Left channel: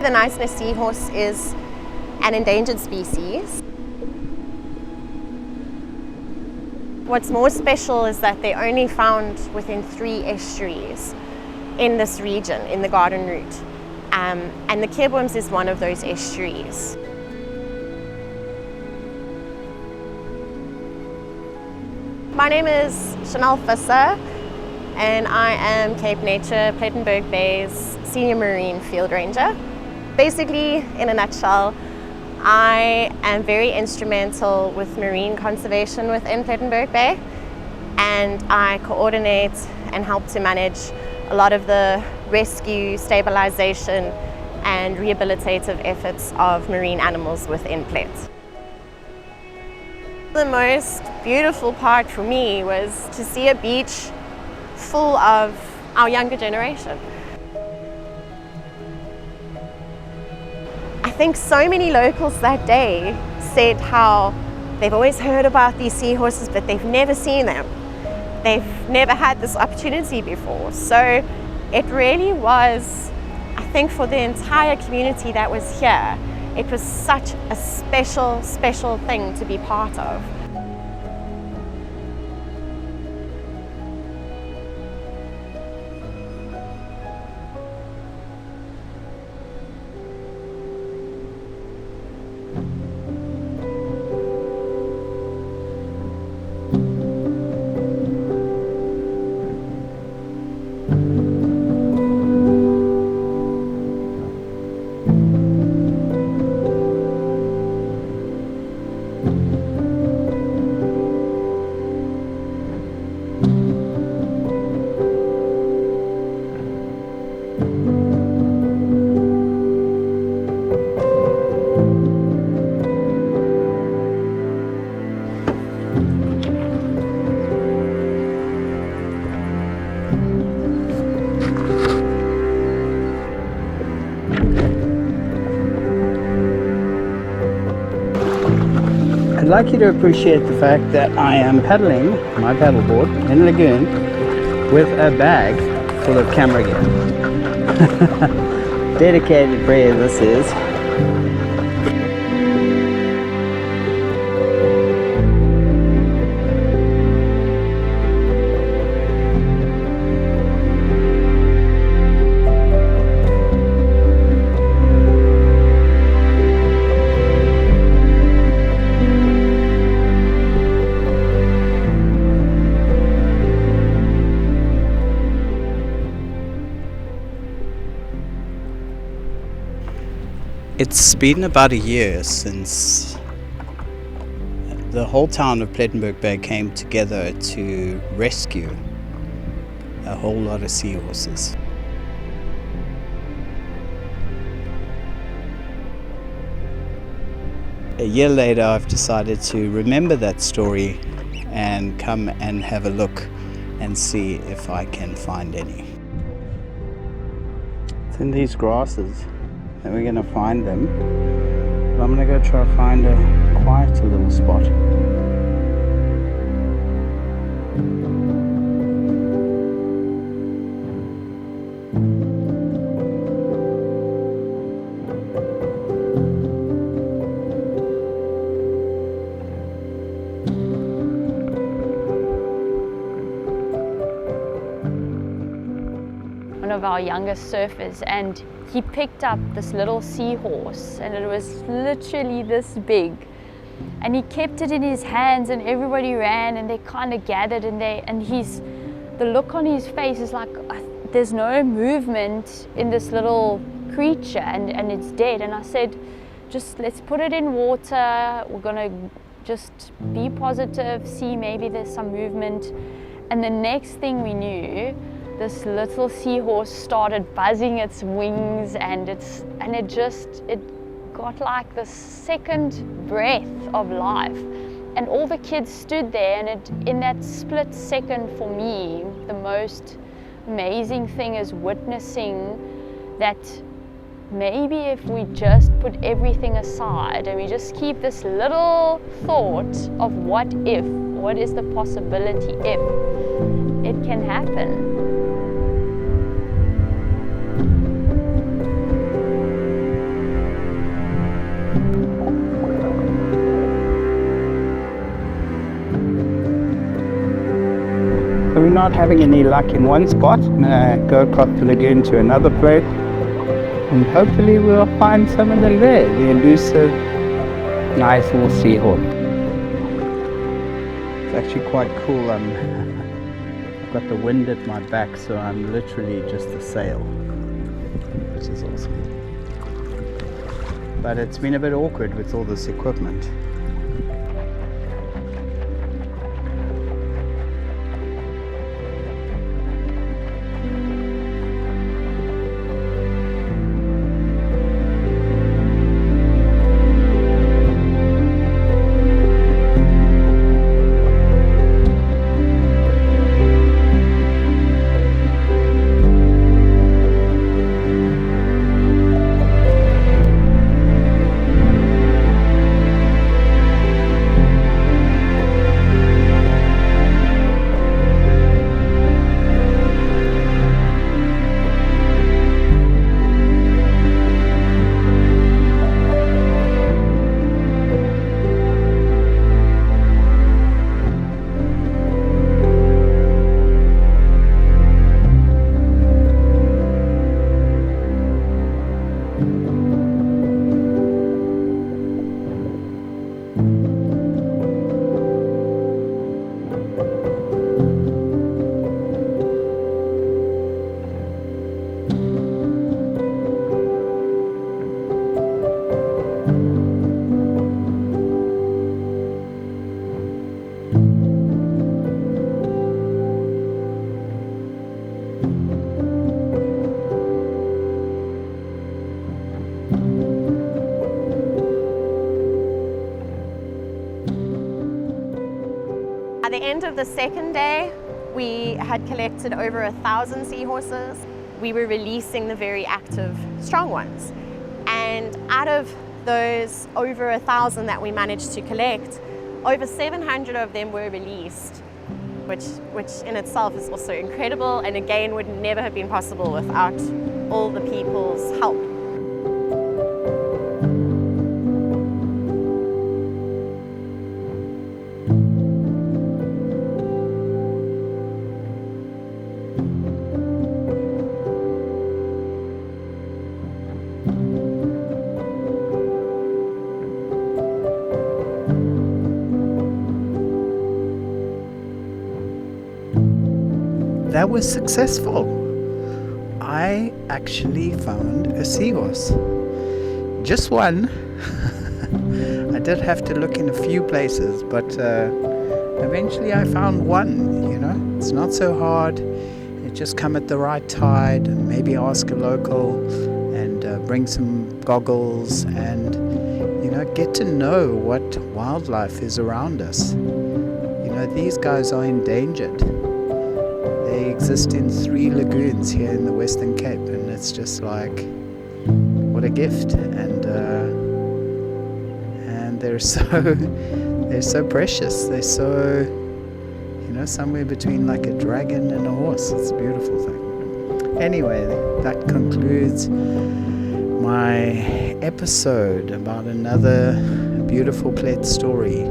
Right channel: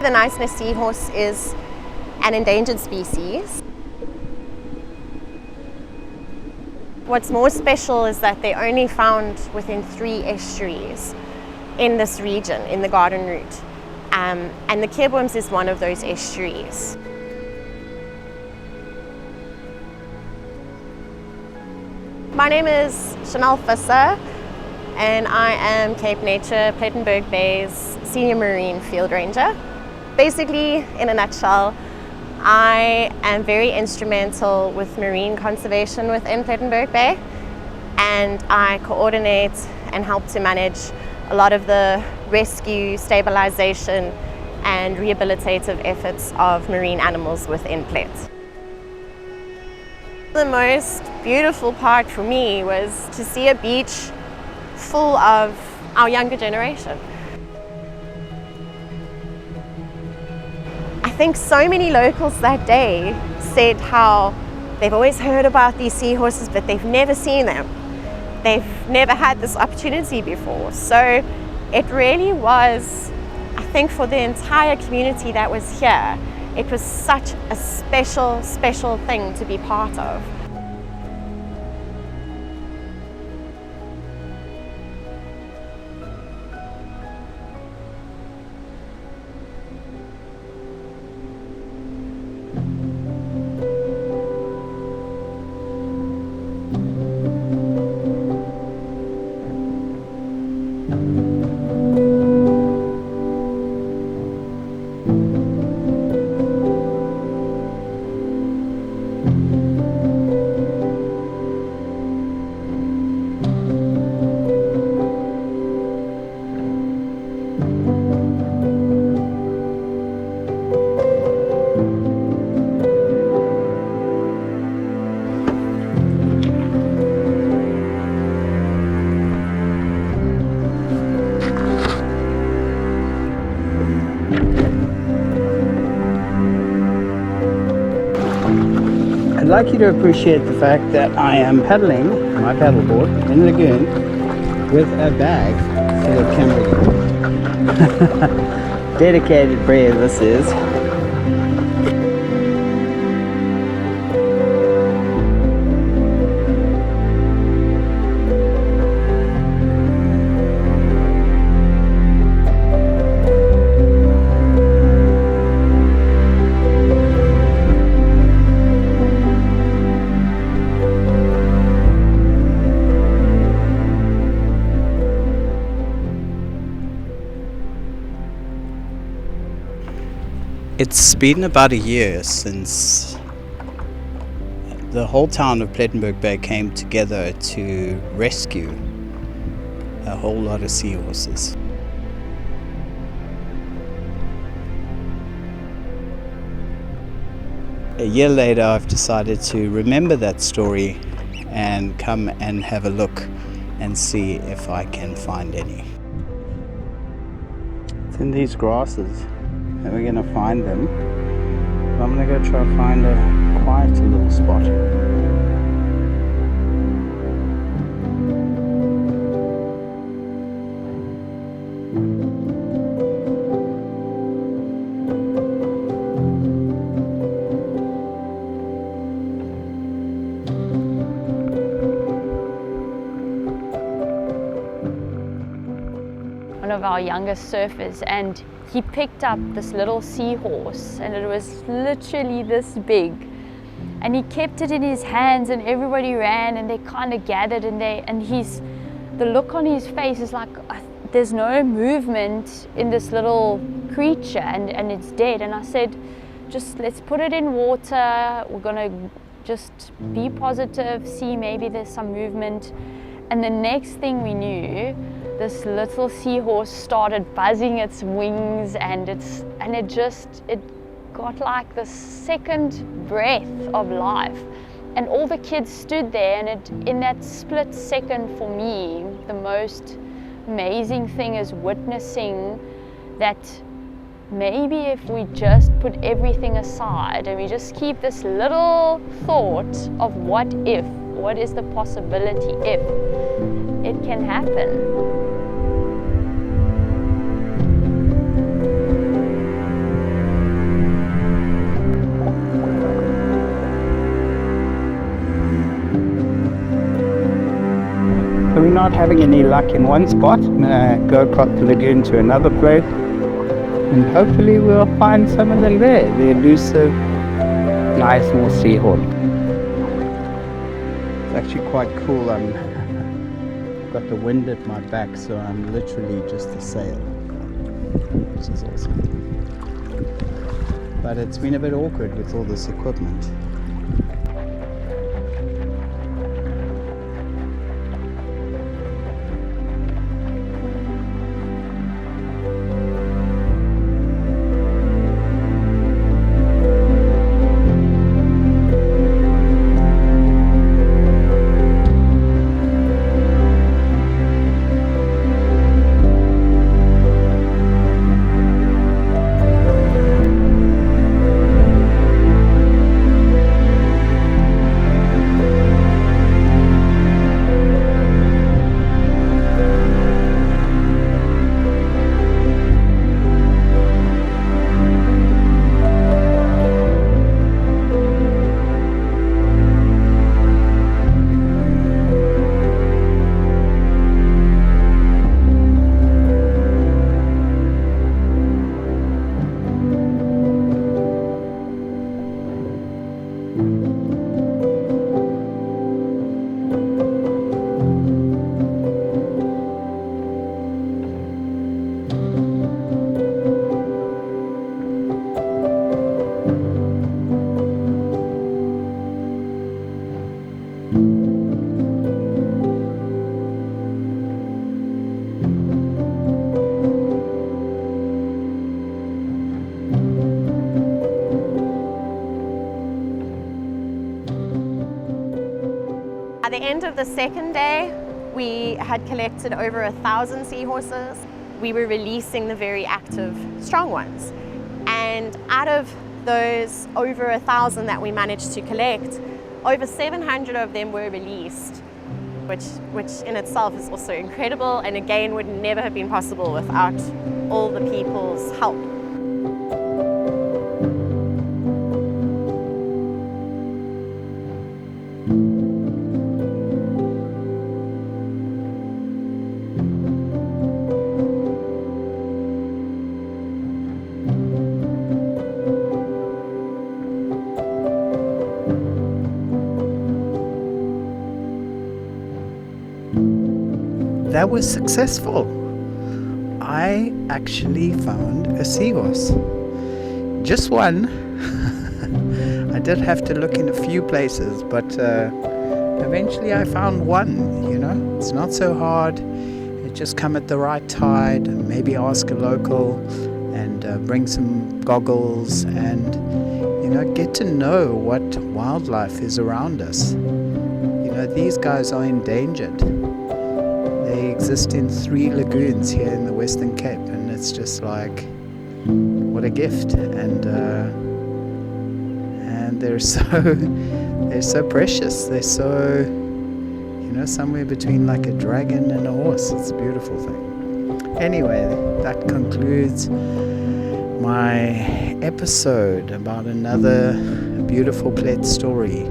The niceness seahorse is an endangered species. What's more special is that they're only found within 3 estuaries in this region, in the Garden Route. And the Kerbworms is one of those estuaries. My name is Chanel Visser, and I am Cape Nature Plettenberg Bay's Senior Marine Field Ranger. Basically, in a nutshell, I am very instrumental with marine conservation within Plettenberg Bay, and I coordinate and help to manage a lot of the rescue, stabilization and rehabilitative efforts of marine animals within Plet. The most beautiful part for me was to see a beach full of our younger generation. I think so many locals that day said how they've always heard about these seahorses, but they've never seen them. They've never had this opportunity before. So it really was, I think, for the entire community that was here, it was such a special, special thing to be part of. I'd like you to appreciate the fact that I am paddling my paddleboard in a lagoon with a bag full of camera gear. Dedicated Brea this is. It's been about a year since the whole town of Plettenberg Bay came together to rescue a whole lot of seahorses. A year later, I've decided to remember that story and come and have a look and see if I can find any. It's in these grasses that we're going to find them. But I'm going to go try to find a quieter little spot. One of our youngest surfers, and he picked up this little seahorse, and it was literally this big, and he kept it in his hands, and everybody ran and they kind of gathered, and the look on his face is like there's no movement in this little creature, and it's dead. And I said, just let's put it in water, we're gonna just be positive, see maybe there's some movement. And the next thing we knew, this little seahorse started buzzing its wings, and it got like this second breath of life. And all the kids stood there, and in that split second, for me, the most amazing thing is witnessing that maybe if we just put everything aside and we just keep this little thought of what is the possibility if, it can happen. So we're not having any luck in one spot. I'm gonna go across the lagoon to another place, and hopefully we'll find some of them there. The elusive, nice little seahorse. It's actually quite cool. I've got the wind at my back, so I'm literally just a sail, which is awesome. But it's been a bit awkward with all this equipment. At the end of the second day, we had collected over 1,000 seahorses. We were releasing the very active, strong ones. And out of those over 1,000 that we managed to collect, over 700 of them were released, which in itself is also incredible, and again would never have been possible without all the people's help. That was successful. I actually found a seahorse. Just one. I did have to look in a few places, but eventually I found one, you know. It's not so hard. It just come at the right tide, and maybe ask a local, and bring some goggles, and, you know, get to know what wildlife is around us. You know, these guys are endangered. They exist in 3 lagoons here in the Western Cape, and it's just like, what a gift. And they're so precious. They're so, you know, somewhere between like a dragon and a horse. It's a beautiful thing. Anyway, that concludes my episode about another beautiful Plet story.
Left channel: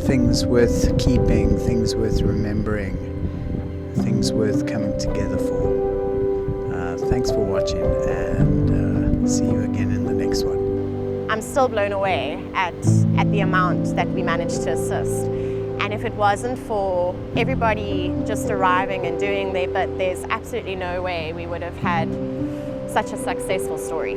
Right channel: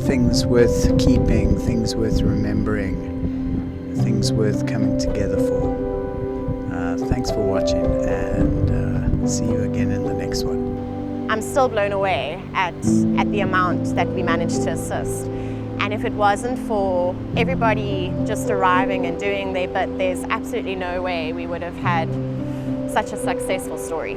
Things worth keeping, things worth remembering, things worth coming together for. Thanks for watching, and see you again in the next one. I'm still blown away at the amount that we managed to assist. And if it wasn't for everybody just arriving and doing their bit, there's absolutely no way we would have had such a successful story.